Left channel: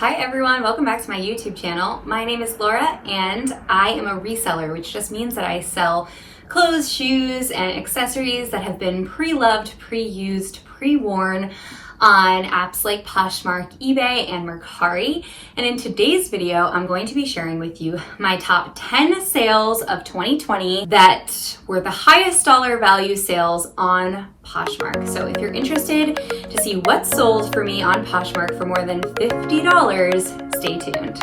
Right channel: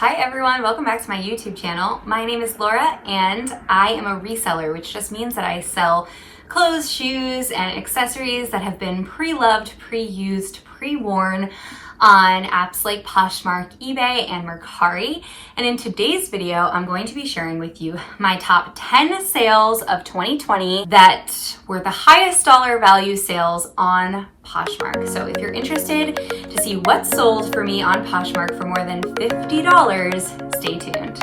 Hi everyone, welcome back to my YouTube channel. My name is Laura and I am a reseller, which just means that I sell clothes, shoes, and accessories that have been pre-loved, pre-used, pre-worn on apps like Poshmark, eBay, and Mercari. And in today's video, I'm going to be sharing with you my top 10 sales of 2020 that were the highest dollar value sales on Poshmark. So if you're interested to see what sold for me on Poshmark for more than $50, stay tuned.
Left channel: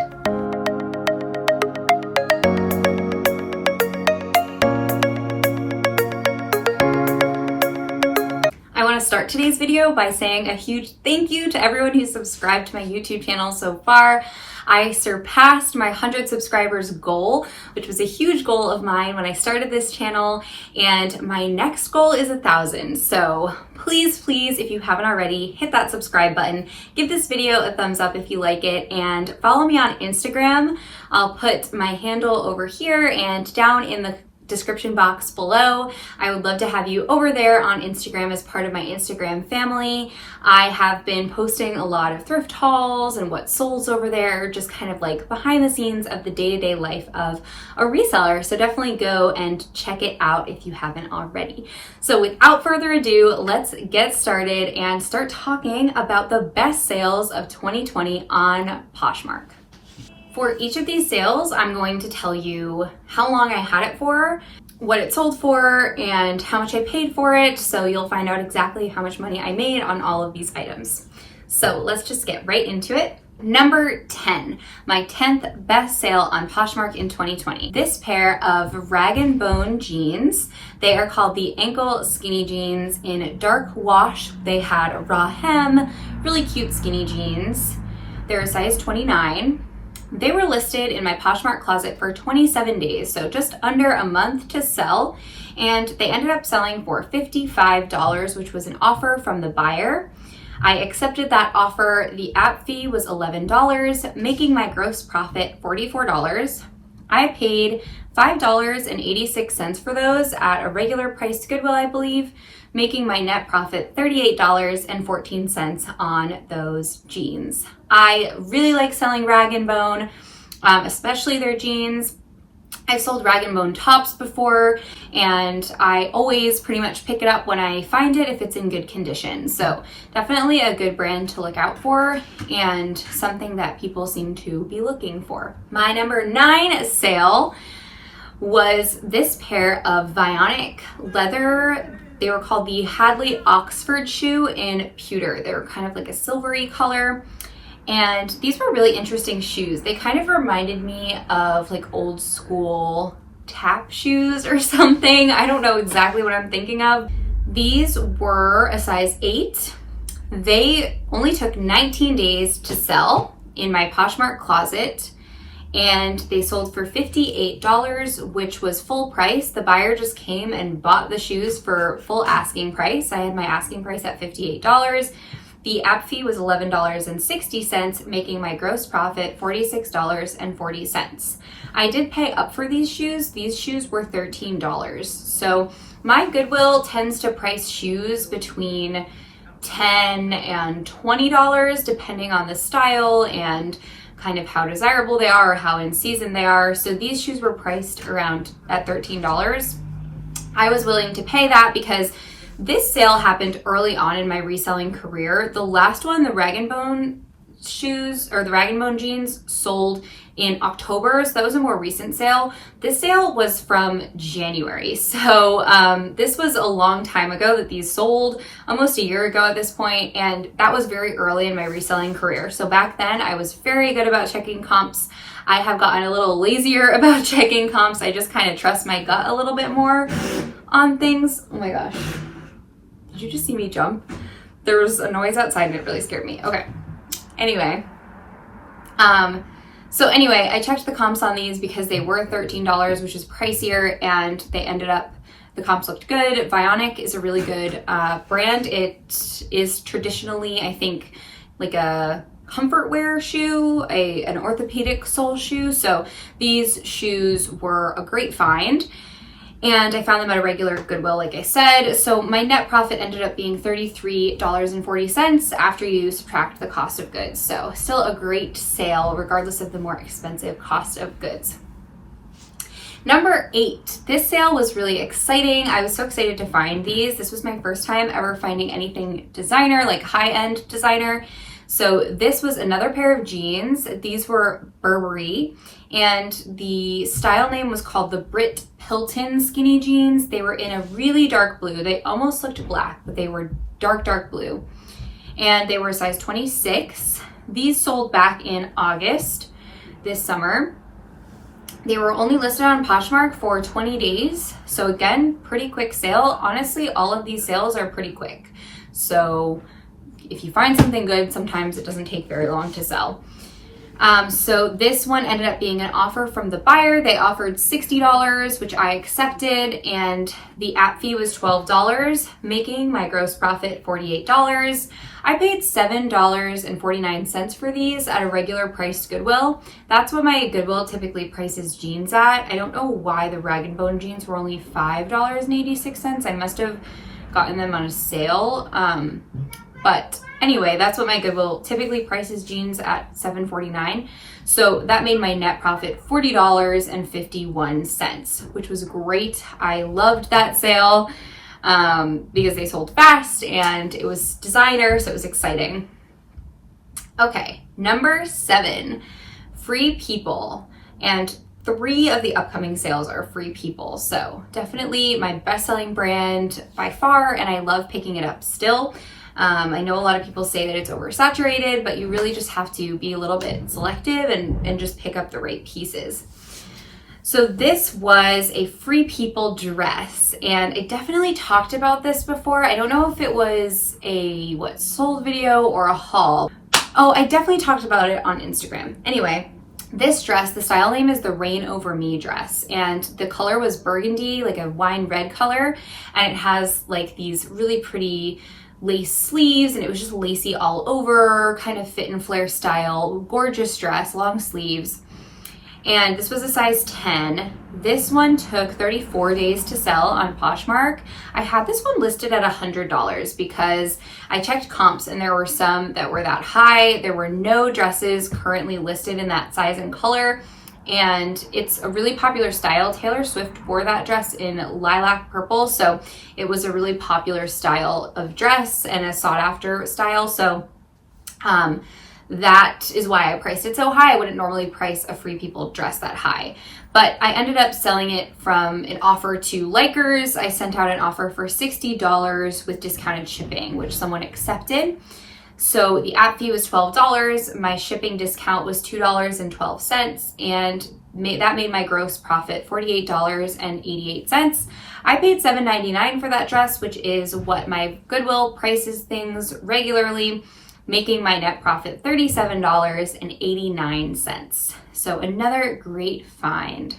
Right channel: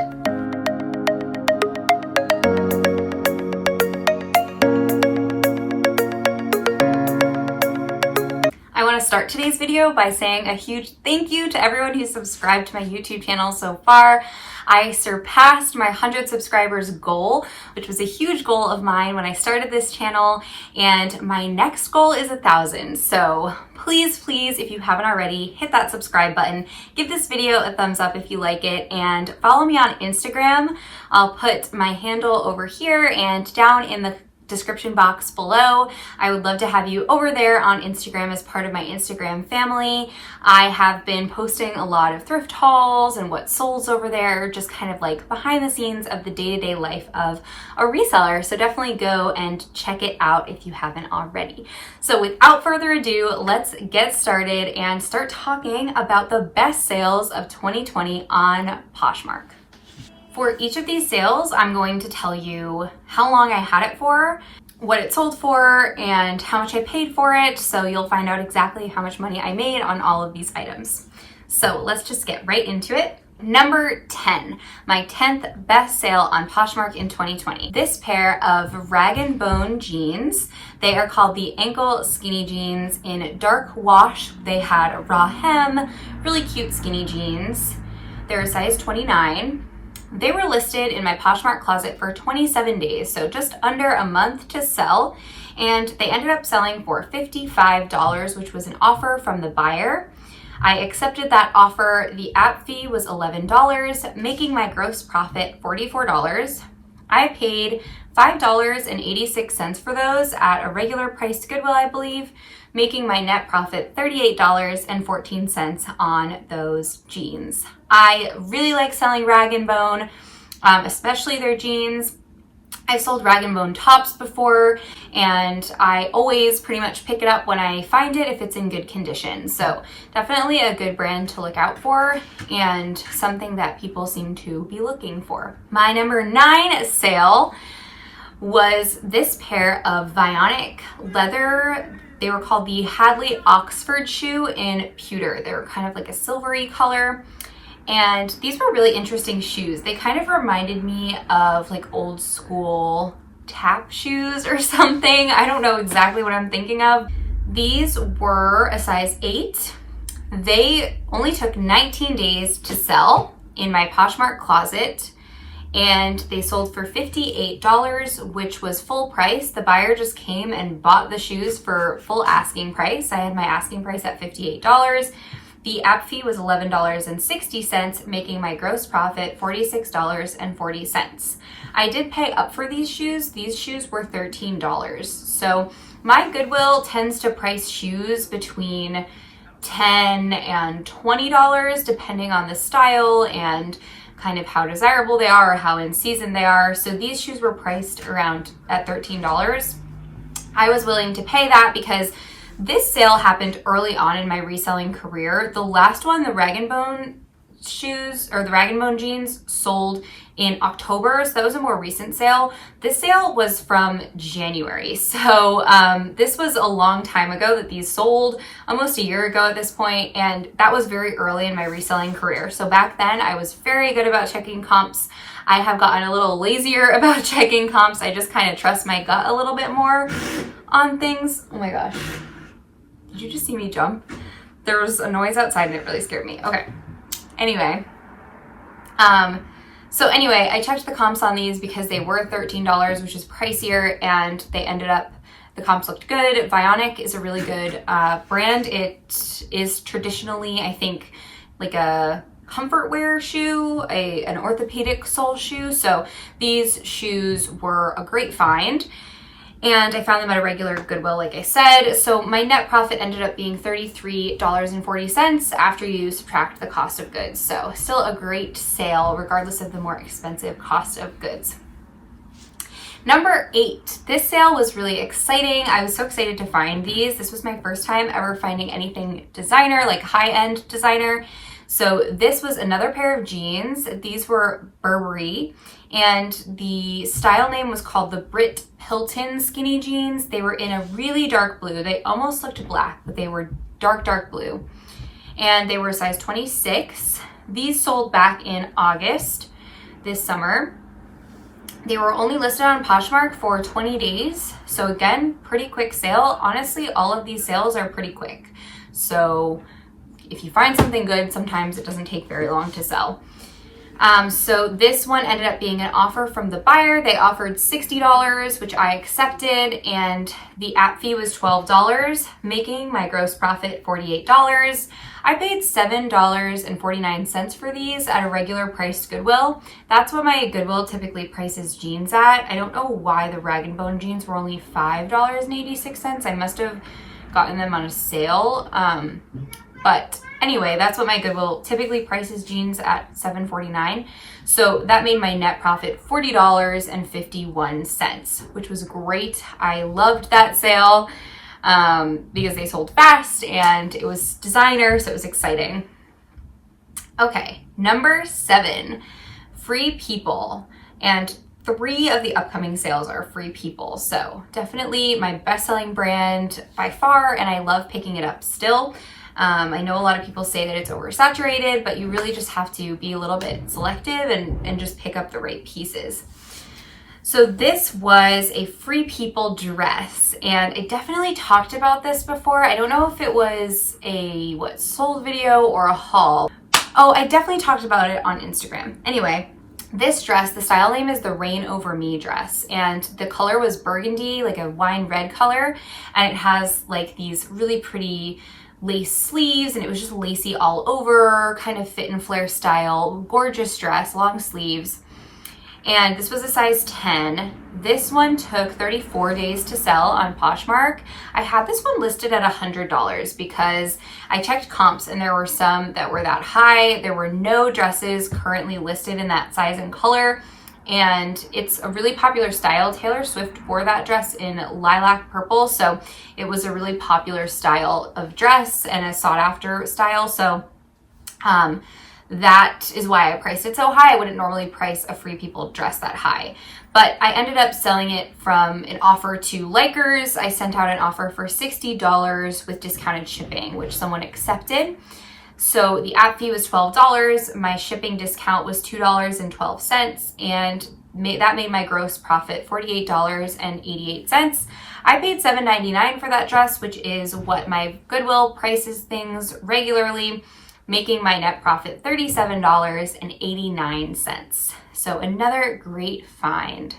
I want to start today's video by saying a huge thank you to everyone who's subscribed to my YouTube channel so far. I surpassed my 100 subscribers goal, which was a huge goal of mine when I started this channel, and my next goal is 1,000. So please, if you haven't already, hit that subscribe button, give this video a thumbs up if you like it, and follow me on Instagram. I'll put my handle over here and down in the description box below. I would love to have you over there on Instagram as part of my Instagram family. I have been posting a lot of thrift hauls and what sold over there, just kind of like behind the scenes of the day-to-day life of a reseller. So definitely go and check it out if you haven't already. So without further ado, let's get started and start talking about the best sales of 2020 on Poshmark. For each of these sales, I'm going to tell you how long I had it for, what it sold for, and how much I paid for it, so you'll find out exactly how much money I made on all of these items. So let's just get right into it. Number 10, my 10th best sale on Poshmark in 2020. This pair of rag & bone jeans. They are called the ankle skinny jeans in dark wash. They had a raw hem, really cute skinny jeans. They're a size 29. They were listed in my Poshmark closet for 27 days, so just under a month to sell, and they ended up selling for $55, which was an offer from the buyer. I accepted that offer. The app fee was $11, making my gross profit $44. I paid $5.86 for those at a regular price Goodwill, I believe, making my net profit $38.14 on those jeans. I really like selling rag & bone, especially their jeans. I've sold rag & bone tops before, and I always pretty much pick it up when I find it if it's in good condition. So definitely a good brand to look out for and something that people seem to be looking for. My number 9 sale was this pair of Vionic leather. They were called the Hadley Oxford shoe in pewter. They were kind of like a silvery color. And these were really interesting shoes. They kind of reminded me of like old school tap shoes or something. I don't know exactly what I'm thinking of. These were a size 8. They only took 19 days to sell in my Poshmark closet, and they sold for $58, which was full price. The buyer just came and bought the shoes for full asking price. I had my asking price at $58. The app fee was $11.60, making my gross profit $46.40. I did pay up for these shoes. These shoes were $13. So my Goodwill tends to price shoes between $10 and $20, depending on the style and kind of how desirable they are or how in season they are. So these shoes were priced around at $13. I was willing to pay that because this sale happened early on in my reselling career. The last one, the rag & bone shoes or the rag & bone jeans, sold in October, so that was a more recent sale. This sale was from January, so this was a long time ago that these sold, almost a year ago at this point, and that was very early in my reselling career. So back then I was very good about checking comps. I have gotten a little lazier about checking comps. I just kind of trust my gut a little bit more on things. Oh my gosh. Did you just see me jump? There was a noise outside and it really scared me. Okay. Anyway. So anyway, I checked the comps on these because they were $13, which is pricier, and they ended up, the comps looked good. Vionic is a really good brand. It is traditionally, I think, like a comfort wear shoe, an orthopedic sole shoe. So these shoes were a great find. And I found them at a regular Goodwill, like I said. So my net profit ended up being $33.40 after you subtract the cost of goods. So still a great sale, regardless of the more expensive cost of goods. Number 8, this sale was really exciting. I was so excited to find these. This was my first time ever finding anything designer, like high-end designer. So this was another pair of jeans. These were Burberry, and the style name was called the Brit Hilton skinny jeans. They were in a really dark blue. They almost looked black, but they were dark, dark blue. And they were size 26. These sold back in August this summer. They were only listed on Poshmark for 20 days. So again, pretty quick sale. Honestly, all of these sales are pretty quick. So if you find something good, sometimes it doesn't take very long to sell. So this one ended up being an offer from the buyer. They offered $60, which I accepted, and the app fee was $12, making my gross profit $48. I paid $7.49 for these at a regular priced Goodwill. That's what my Goodwill typically prices jeans at. I don't know why the Rag & Bone jeans were only $5.86. I must have gotten them on a sale. But anyway, that's what my Goodwill typically prices jeans at, $7.49. So that made my net profit $40.51, which was great. I loved that sale because they sold fast and it was designer, so it was exciting. Okay, number 7, Free People. And 3 of the upcoming sales are Free People. So definitely my best-selling brand by far, and I love picking it up still. I know a lot of people say that it's oversaturated, but you really just have to be a little bit selective and just pick up the right pieces. So this was a Free People dress, and I definitely talked about this before. I don't know if it was a sold video or a haul. Oh, I definitely talked about it on Instagram. Anyway, this dress, the style name is the Rain Over Me dress, and the color was burgundy, like a wine red color, and it has like these really pretty lace sleeves, and it was just lacy all over, kind of fit and flare style, gorgeous dress, long sleeves. And this was a size 10. This one took 34 days to sell on Poshmark. I had this one listed at $100 because I checked comps and there were some that were that high. There were no dresses currently listed in that size and color. And it's a really popular style. Taylor Swift wore that dress in lilac purple, so it was a really popular style of dress and a sought after style. So that is why I priced it so high. I wouldn't normally price a Free People dress that high, but I ended up selling it from an offer to likers. I sent out an offer for $60 with discounted shipping, which someone accepted. So the app fee was $12, my shipping discount was $2.12, and that made my gross profit $48.88. I paid $7.99 for that dress, which is what my Goodwill prices things regularly, making my net profit $37.89. So another great find.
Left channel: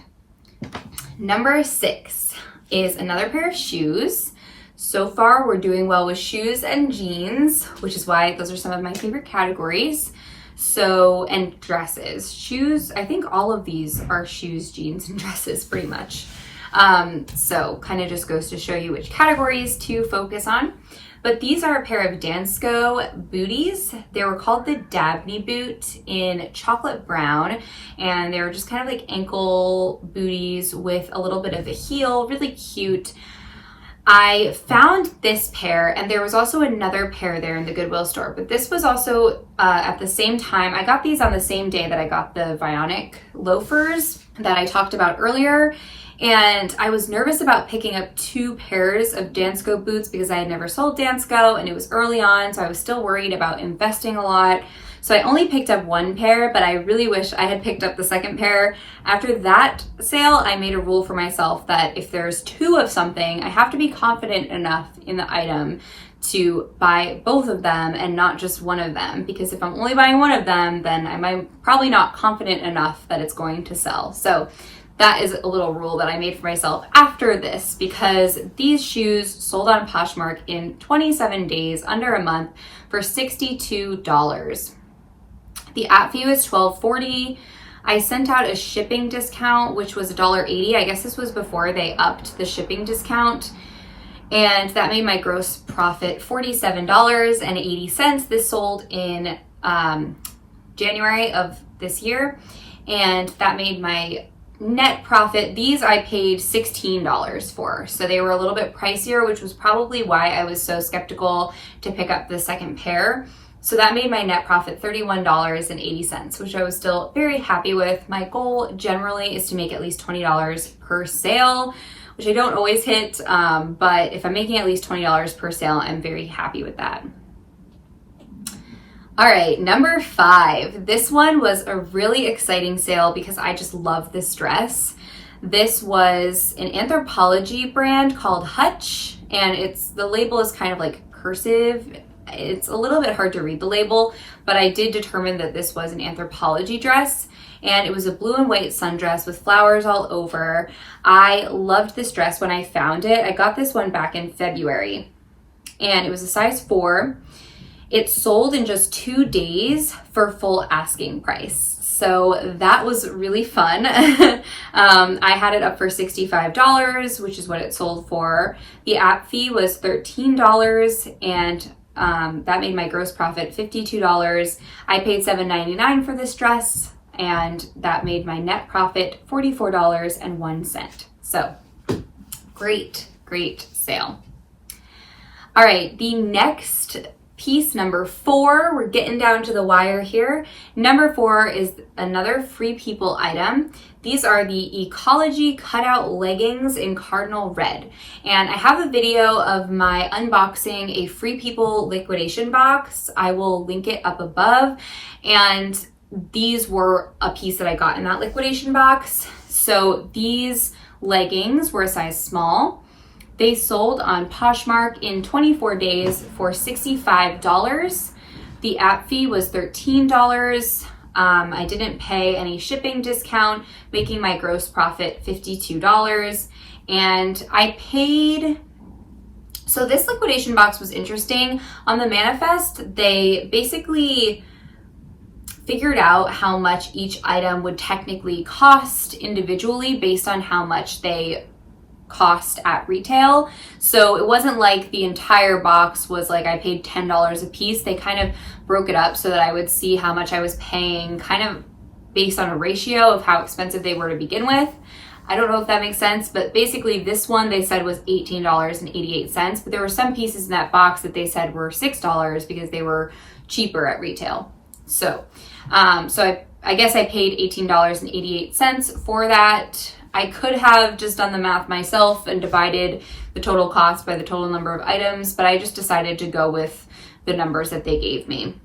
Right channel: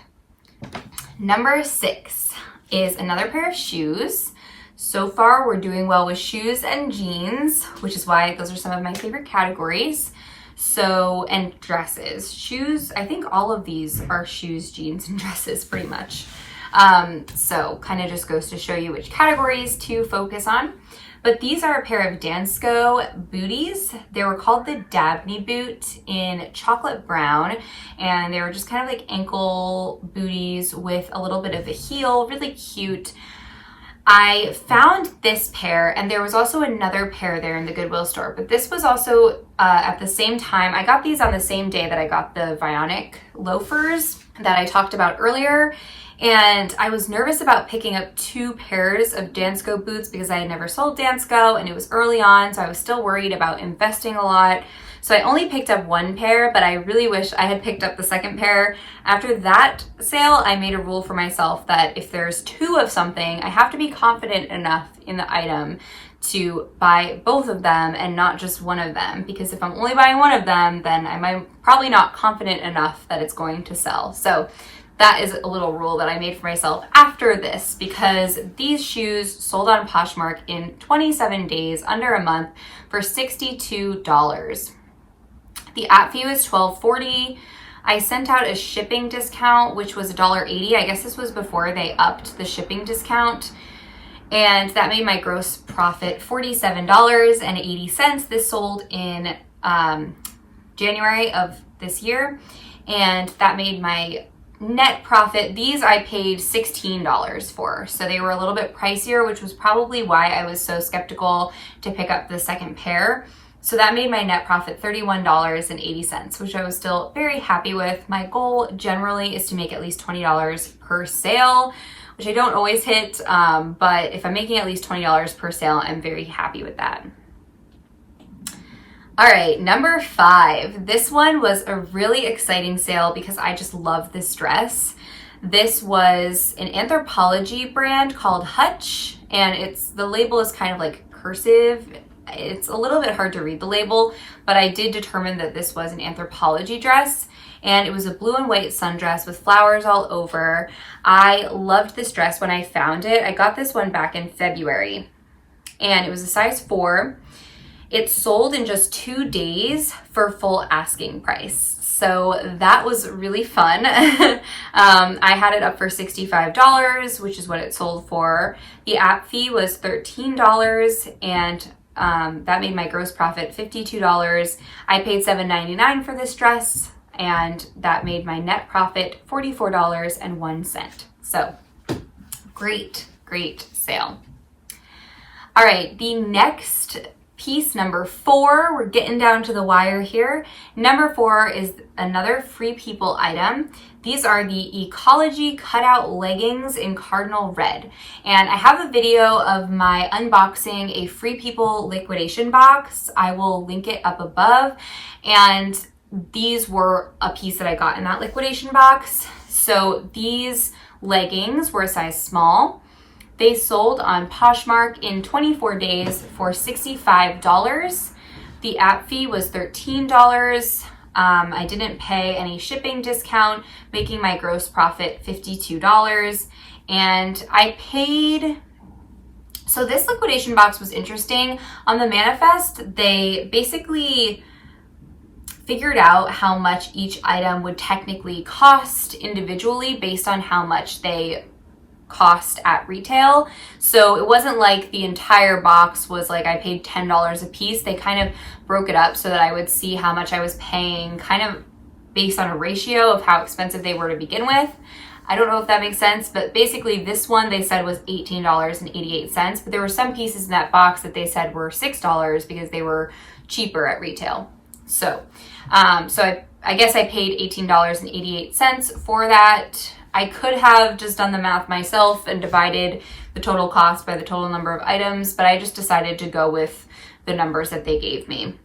Number 6 is another pair of shoes. So far, we're doing well with shoes and jeans, which is why those are some of my favorite categories. So, and dresses. Shoes, I think all of these are shoes, jeans, and dresses pretty much. So kind of just goes to show you which categories to focus on. But these are a pair of Dansko booties. They were called the Dabney boot in chocolate brown, and they were just kind of like ankle booties with a little bit of a heel, really cute. I found this pair, and there was also another pair there in the Goodwill store, but this was also at the same time. I got these on the same day that I got the Vionic loafers that I talked about earlier, and I was nervous about picking up 2 pairs of Dansko boots because I had never sold Dansko, and it was early on, so I was still worried about investing a lot. So I only picked up 1 pair, but I really wish I had picked up the second pair. After that sale, I made a rule for myself that if there's 2 of something, I have to be confident enough in the item to buy both of them and not just one of them. Because if I'm only buying one of them, then I'm probably not confident enough that it's going to sell. So that is a little rule that I made for myself after this, because these shoes sold on Poshmark in 27 days, under a month, for $62. The app fee was $12.40. I sent out a shipping discount, which was $1.80. I guess this was before they upped the shipping discount. And that made my gross profit $47.80. This sold in January of this year. And that made my net profit, these I paid $16 for. So they were a little bit pricier, which was probably why I was so skeptical to pick up the second pair. So that made my net profit $31.80, which I was still very happy with. My goal generally is to make at least $20 per sale, which I don't always hit, but if I'm making at least $20 per sale, I'm very happy with that. All right, number 5. This one was a really exciting sale because I just love this dress. This was an Anthropologie brand called Hutch, and the label is kind of like cursive. It's a little bit hard to read the label, but I did determine that this was an Anthropologie dress, and it was a blue and white sundress with flowers all over. I loved this dress when I found it. I got this one back in February, and it was a size 4. It sold in just 2 days for full asking price. So that was really fun. I had it up for $65, which is what it sold for. The app fee was $13, and that made my gross profit $52. I paid $7.99 for this dress, and that made my net profit $44.01. So great sale. All right, the next piece, number 4, we're getting down to the wire here. Number 4 is another Free People item. These are the Ecology cutout leggings in cardinal red. And I have a video of my unboxing a Free People liquidation box. I will link it up above. And these were a piece that I got in that liquidation box. So these leggings were a size small. They sold on Poshmark in 24 days for $65. The app fee was $13. I didn't pay any shipping discount, making my gross profit $52. And I paid, so this liquidation box was interesting. On the manifest, they basically figured out how much each item would technically cost individually based on how much they cost at retail. So it wasn't like the entire box was like I paid $10 a piece. They kind of broke it up so that I would see how much I was paying kind of based on a ratio of how expensive they were to begin with. I don't know if that makes sense, but basically this one they said was $18.88, but there were some pieces in that box that they said were $6 because they were cheaper at retail. So, I guess I paid $18.88 for that. I could have just done the math myself and divided the total cost by the total number of items, but I just decided to go with the numbers that they gave me.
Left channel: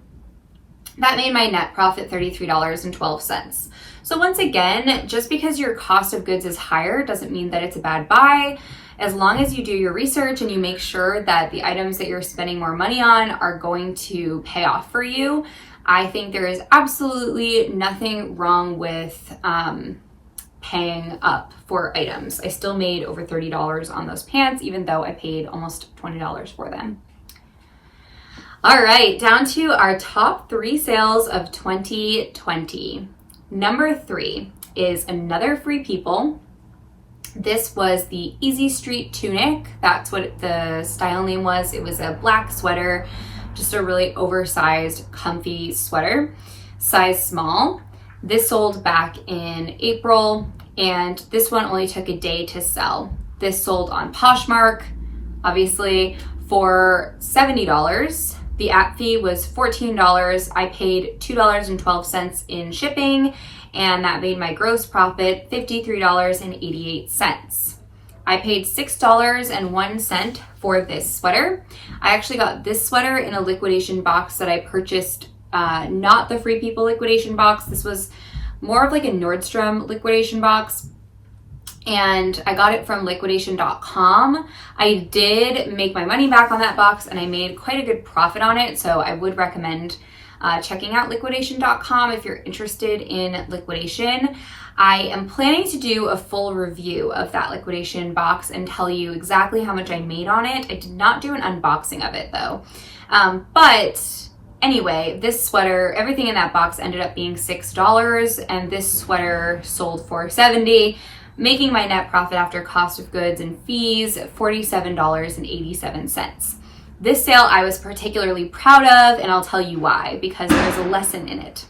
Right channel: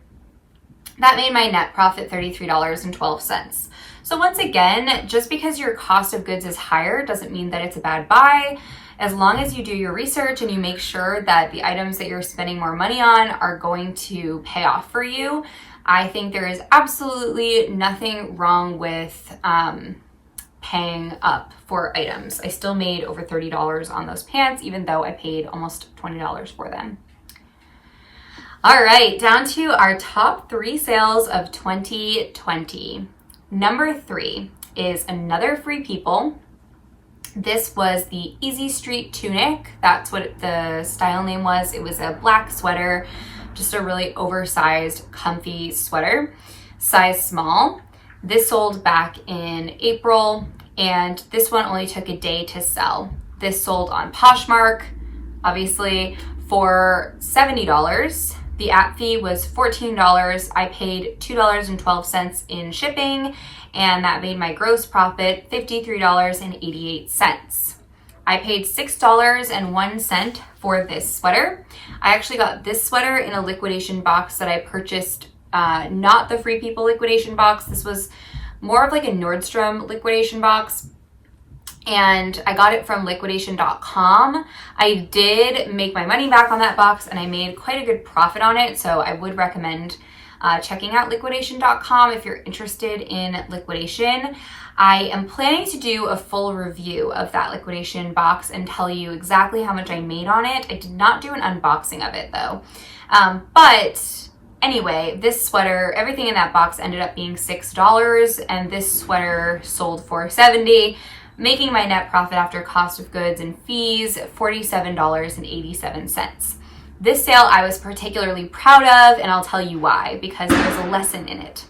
That made my net profit $33.12. So once again, just because your cost of goods is higher doesn't mean that it's a bad buy. As long as you do your research and you make sure that the items that you're spending more money on are going to pay off for you, I think there is absolutely nothing wrong with paying up for items. I still made over $30 on those pants, even though I paid almost $20 for them. All right, down to our top 3 sales of 2020. Number 3 is another Free People. This was the Easy Street tunic. That's what the style name was. It was a black sweater, just a really oversized, comfy sweater, size small. This sold back in April, and this one only took a day to sell. This sold on Poshmark, obviously, for $70. The app fee was $14. I paid $2.12 in shipping, and that made my gross profit $53.88. I paid $6.01 for this sweater. I actually got this sweater in a liquidation box that I purchased, not the Free People liquidation box. This was more of like a Nordstrom liquidation box, and I got it from liquidation.com. I did make my money back on that box, and I made quite a good profit on it, so I would recommend checking out liquidation.com if you're interested in liquidation. I am planning to do a full review of that liquidation box and tell you exactly how much I made on it. I did not do an unboxing of it though. But Anyway, this sweater, everything in that box ended up being $6, and this sweater sold for $70, making my net profit after cost of goods and fees $47.87. This sale I was particularly proud of, and I'll tell you why, because there's a lesson in it.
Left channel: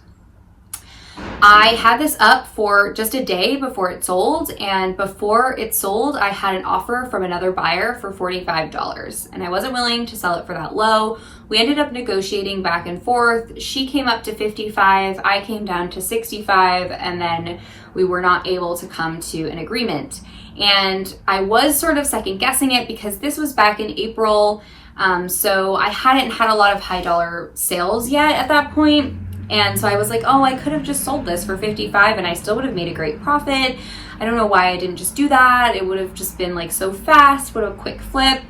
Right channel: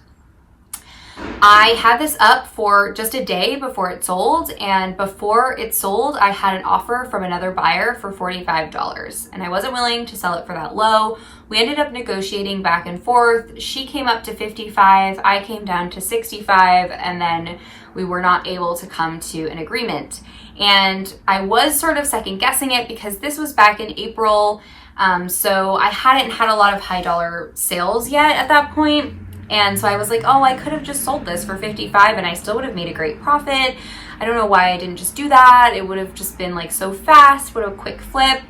I had this up for just a day before it sold, and before it sold, I had an offer from another buyer for $45, and I wasn't willing to sell it for that low. We ended up negotiating back and forth. She came up to 55, I came down to 65, and then we were not able to come to an agreement. And I was sort of second guessing it because this was back in April, so I hadn't had a lot of high dollar sales yet at that point. And so I was like, oh, I could have just sold this for 55 and I still would have made a great profit. I don't know why I didn't just do that. It would have just been like so fast, would have a quick flip.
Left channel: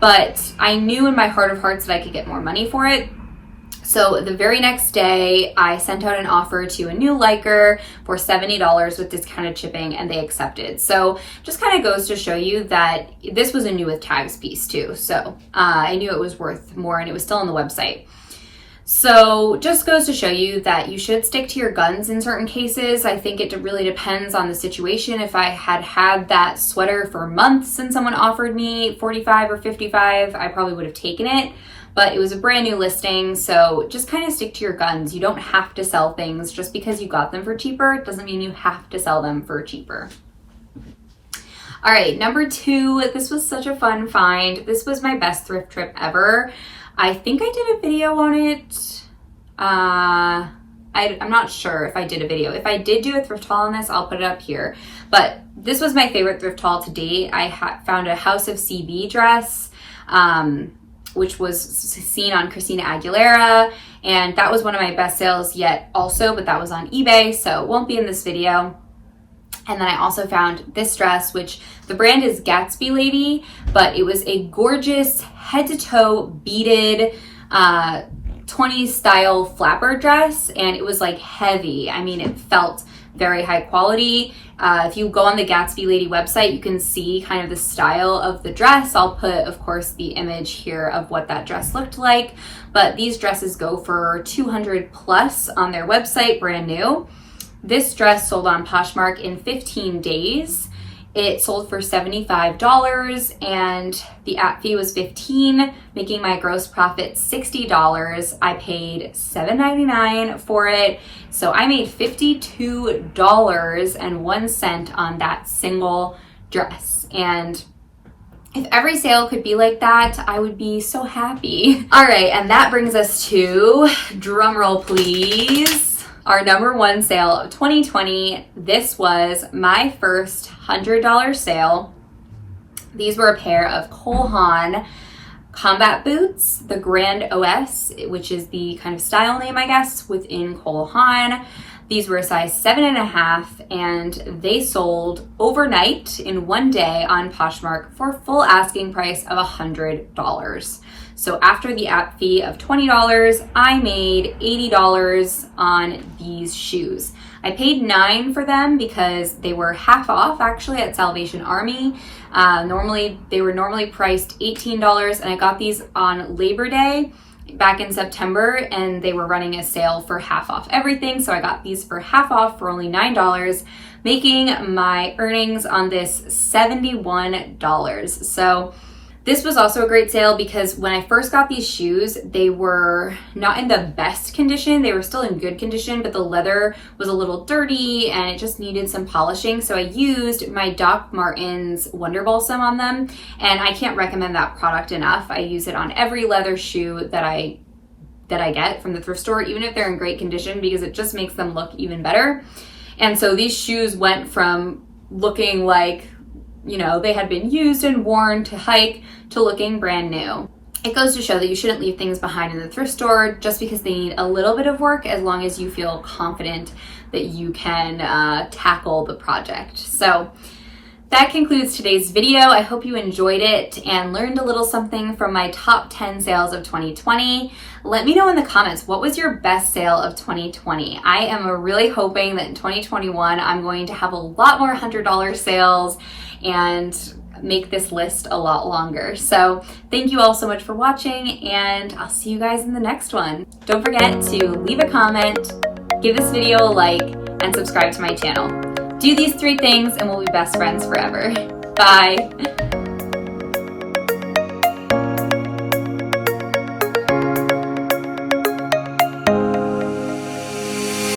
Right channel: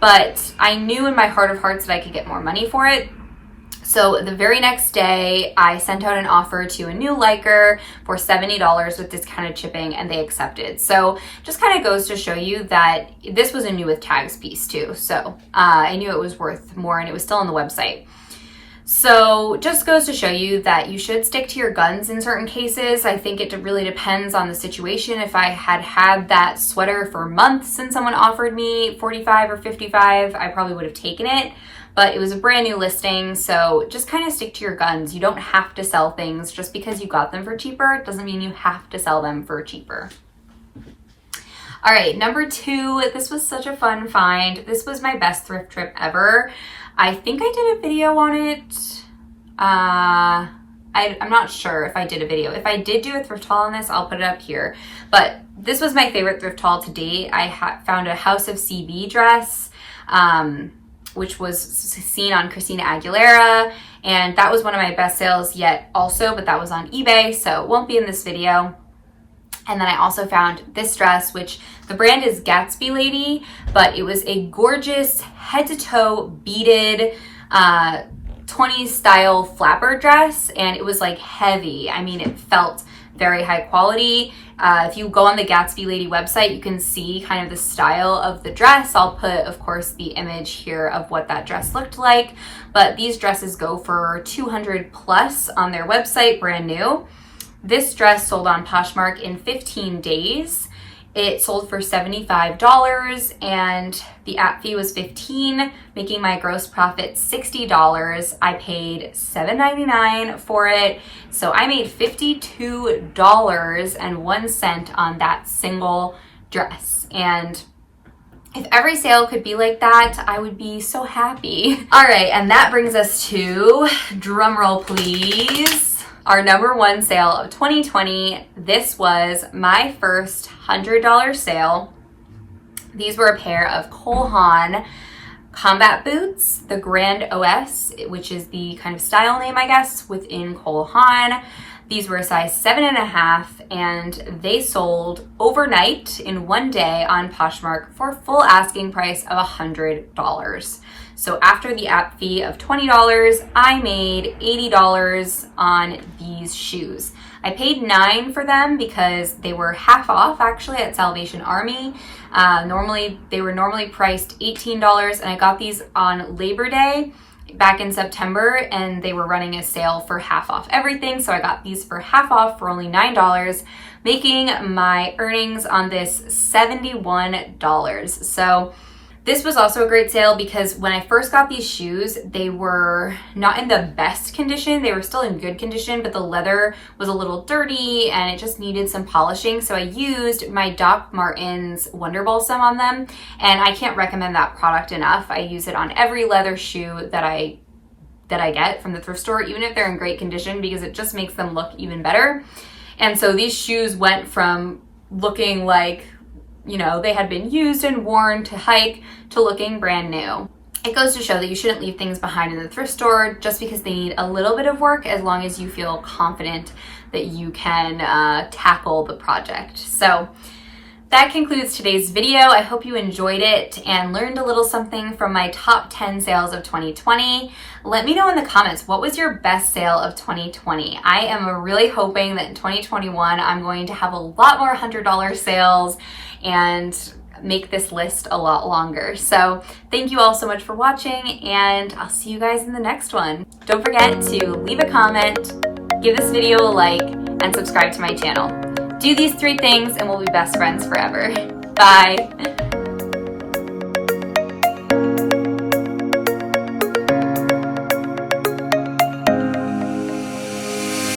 But I knew in my heart of hearts that I could get more money for it. So the very next day, I sent out an offer to a new liker for $70 with discounted shipping, and they accepted. So just kind of goes to show you that this was a new with tags piece too. So I knew it was worth more, and it was still on the website. So just goes to show you that you should stick to your guns in certain cases. I think it really depends on the situation. If I had had that sweater for months and someone offered me 45 or 55, I probably would have taken it, but it was a brand new listing. So just kind of stick to your guns. You don't have to sell things just because you got them for cheaper. It doesn't mean you have to sell them for cheaper. All right, number 2, this was such a fun find. This was my best thrift trip ever. I think I did a video on it. I'm not sure if I did a video. If I did do a thrift haul on this, I'll put it up here. But this was my favorite thrift haul to date. I found a House of CB dress, which was seen on Christina Aguilera. And that was one of my best sales yet also, but that was on eBay, so it won't be in this video. And then I also found this dress, which the brand is Gatsby Lady, but it was a gorgeous head to toe beaded 20s style flapper dress. And it was like heavy. I mean, it felt very high quality. If you go on the Gatsby Lady website, you can see kind of the style of the dress. I'll put, of course, the image here of what that dress looked like. But these dresses go for $200 plus on their website, brand new. This dress sold on Poshmark in 15 days. It sold for $75 and the app fee was $15, making my gross profit $60. I paid $7.99 for it. So I made $52.01 on that single dress. And if every sale could be like that, I would be so happy. All right, and that brings us to, drumroll please, our number 1 sale of 2020. This was my first $100 sale. These were a pair of Cole Haan combat boots, the Grand OS, which is the kind of style name, I guess, within Cole Haan. These were a size 7.5, and they sold overnight in one day on Poshmark for full asking price of $100. So after the app fee of $20, I made $80 on these shoes. I paid $9 for them because they were half off actually at Salvation Army. They were normally priced $18, and I got these on Labor Day back in September, and they were running a sale for half off everything. So I got these for half off for only $9, making my earnings on this $71. So this was also a great sale because when I first got these shoes, they were not in the best condition. They were still in good condition, but the leather was a little dirty and it just needed some polishing. So I used my Doc Martens Wonder Balsam on them, and I can't recommend that product enough. I use it on every leather shoe that I get from the thrift store, even if they're in great condition, because it just makes them look even better. And so these shoes went from looking like, you know, they had been used and worn to hike to looking brand new. It goes to show that you shouldn't leave things behind in the thrift store just because they need a little bit of work, as long as you feel confident that you can tackle the project. So that concludes today's video. I hope you enjoyed it and learned a little something from my top 10 sales of 2020. Let me know in the comments, what was your best sale of 2020? I am really hoping that in 2021, I'm going to have a lot more $100 sales and make this list a lot longer. So thank you all so much for watching, and I'll see you guys in the next one. Don't forget to leave a comment, give this video a like, and subscribe to my channel. Do these 3 things and we'll be best friends forever. Bye.